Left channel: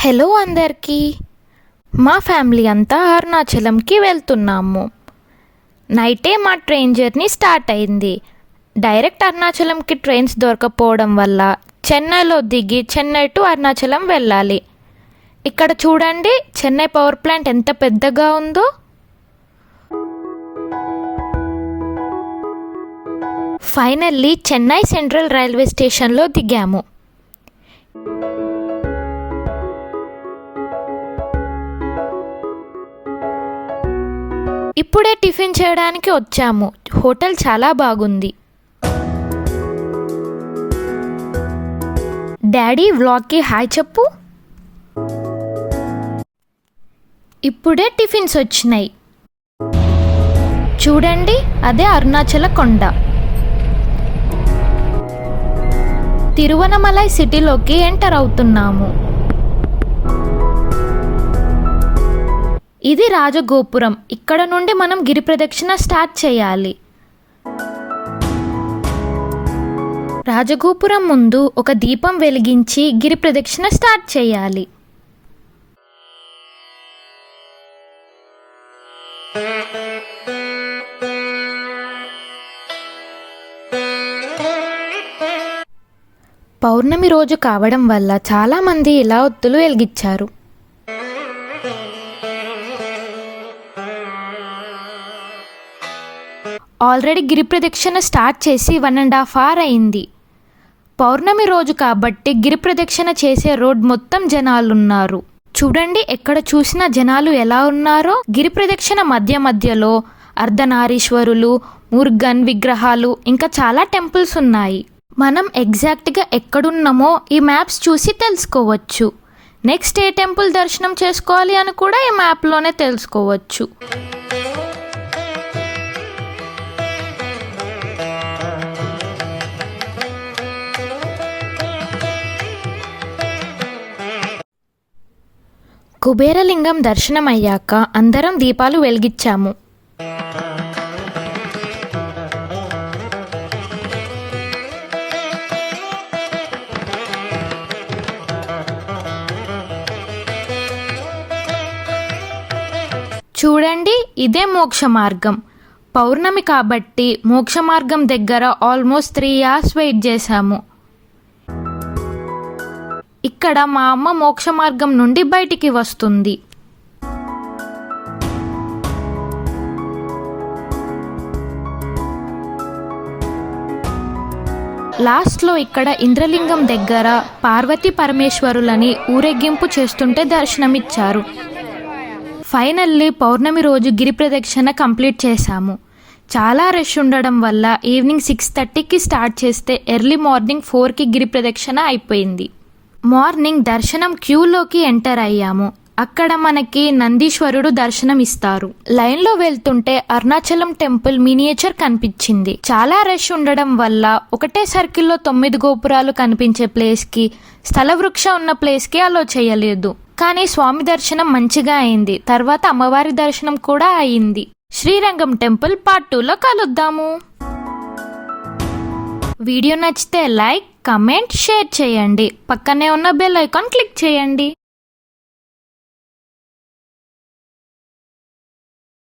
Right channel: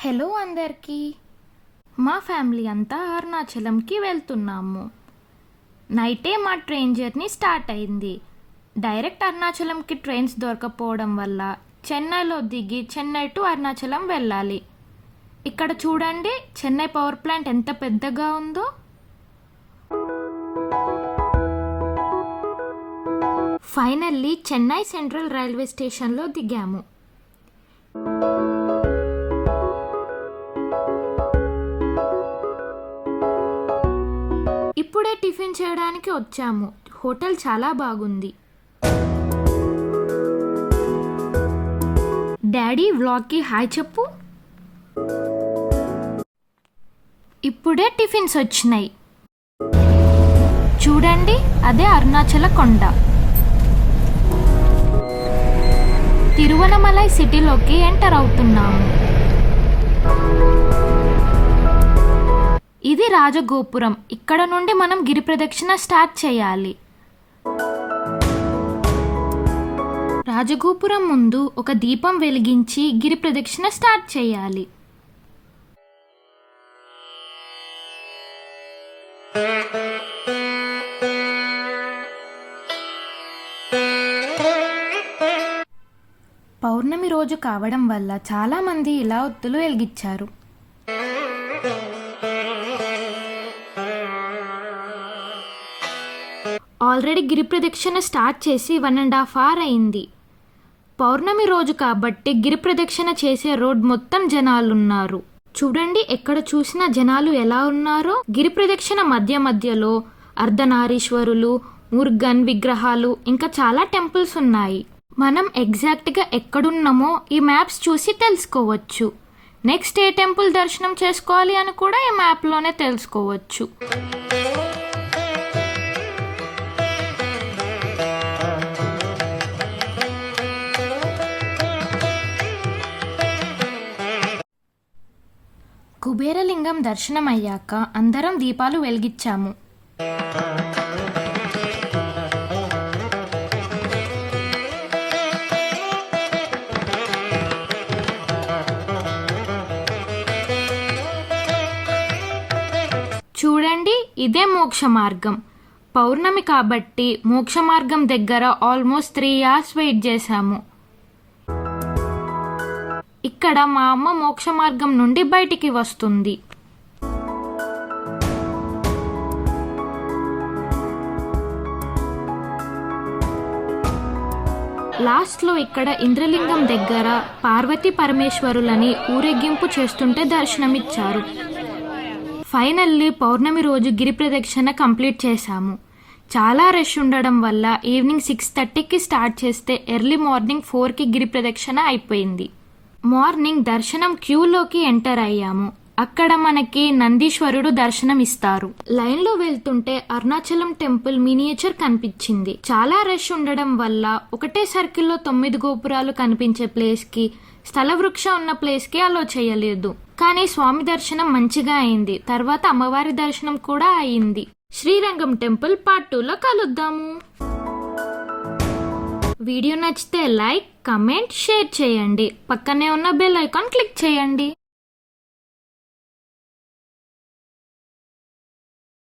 Hello అందరికీ. మా family అంతా అరుణాచలంకి వెళ్తున్నాము. నైటే మా ట్రైన్ జర్నీ స్టార్ట్ అయింది. డైరెక్ట్ అరుణాచలంకి ట్రైన్స్ దొరకపోవడం వల్ల చెన్నైలో దిగి చెన్నై టు అరుణాచలం వెళ్ళాలి. ఇక్కడ చూడండి, చెన్నై పవర్ ప్లాంట్ ఎంత పెద్దగా ఉందో. ఫైనల్లీ చెన్నై సెంట్రల్ రైల్వే స్టేషన్లో దిగాము. ఇప్పుడే టిఫిన్ చేయడానికి వచ్చాము. హోటల్ చాలా బాగుంది. డాడీ, వ్లాగ్కి హాయ్ చెప్పు. ఇప్పుడే టిఫిన్స్ వచ్చినాయి. చూడండి, అదే అరుణాచల కొండ. తిరువనమలై సిటీలోకి ఎంటర్ అవుతున్నాము. ఇది రాజగోపురం. ఇక్కడ నుండి మనం గిరి ప్రదక్షిణ స్టార్ట్ చేయాలి. రాజగోపురం ముందు ఒక దీపం వెలిగించి గిరి ప్రదక్షిణ స్టార్ట్ చేయాలి. పౌర్ణమి రోజు కావడం వల్ల చాలామంది ఇలా ఒత్తులు వెలిగించారు. ఆల్రెడీ గిరి ప్రదక్షిణ స్టార్ట్ చేసి 1.5 hours అయింది. పౌర్ణమి రోజు కాబట్టి గిరి ప్రదక్షిణ చేసే రోడ్ మొత్తం జనాలున్నారు. చూడండి, ఎక్కడ చూసినా జనాలు ఎలా ఉన్నారో. గిరి ప్రదక్షిణ మధ్య మధ్యలో అర్ధనారీశ్వరులు, మురుగన్ విగ్రహాలు, ఇంకా చాలా టెంపుల్స్ ఉన్నాయి. మనం ఎగ్జాక్ట్గా ఎక్కడున్నామో ఈ మ్యాప్స్ చూసి తెలుసుకోవచ్చు. నెక్స్ట్ ఏ టెంపుల్ దర్శనం చేసుకోవాలి అని కూడా ఈ మ్యాప్లోనే తెలుసుకోవచ్చు. కుబేరలింగం దర్శనం అయ్యాక అందరం దీపాలు వెలిగించాము. చూడండి, ఇదే మోక్ష మార్గం. పౌర్ణమి కాబట్టి మోక్ష మార్గం దగ్గర ఆల్మోస్ట్ 3 hours వెయిట్ చేశాము. ఇక్కడ మా అమ్మ మోక్ష మార్గం నుండి బయటికి వస్తుంది. లాస్ట్లో ఇక్కడ ఇంద్రలింగం దగ్గర పార్వతీ పరమేశ్వరులని ఊరేగింపు చేస్తుంటే దర్శనమిచ్చారు. ఫైనల్లీ పౌర్ణమి రోజు గిరి ప్రదక్షిణ కంప్లీట్ చేశాము. చాలా రష్ ఉండడం వల్ల ఈవినింగ్ 6:30కి స్టార్ట్ చేస్తే ఎర్లీ మార్నింగ్ 4కి గిరి ప్రదక్షిణ అయిపోయింది. మార్నింగ్ దర్శనం క్యూలోకి ఎంటర్ అయ్యాము. అక్కడ మనకి నందీశ్వరుడు దర్శనం ఇస్తారు. లైన్లో వెళ్తుంటే అరుణాచలం టెంపుల్ మినియేచర్ కనిపించింది. చాలా రష్ ఉండడం వల్ల ఒకటే సర్కిల్లో 9 గోపురాలు కనిపించే ప్లేస్కి, స్థల వృక్ష ఉన్న ప్లేస్కి అలో చేయలేదు. కానీ స్వామి దర్శనం మంచిగా అయింది. తర్వాత అమ్మవారి దర్శనం కూడా అయింది. శ్రీరంగం టెంపుల్ పార్ట్ 2లో కలుద్దాము. వీడియో నచ్చితే లైక్, కమెంట్, షేర్ చేయండి. పక్కనే ఉన్న బెల్ ఐకాన్ క్లిక్ చేయండి.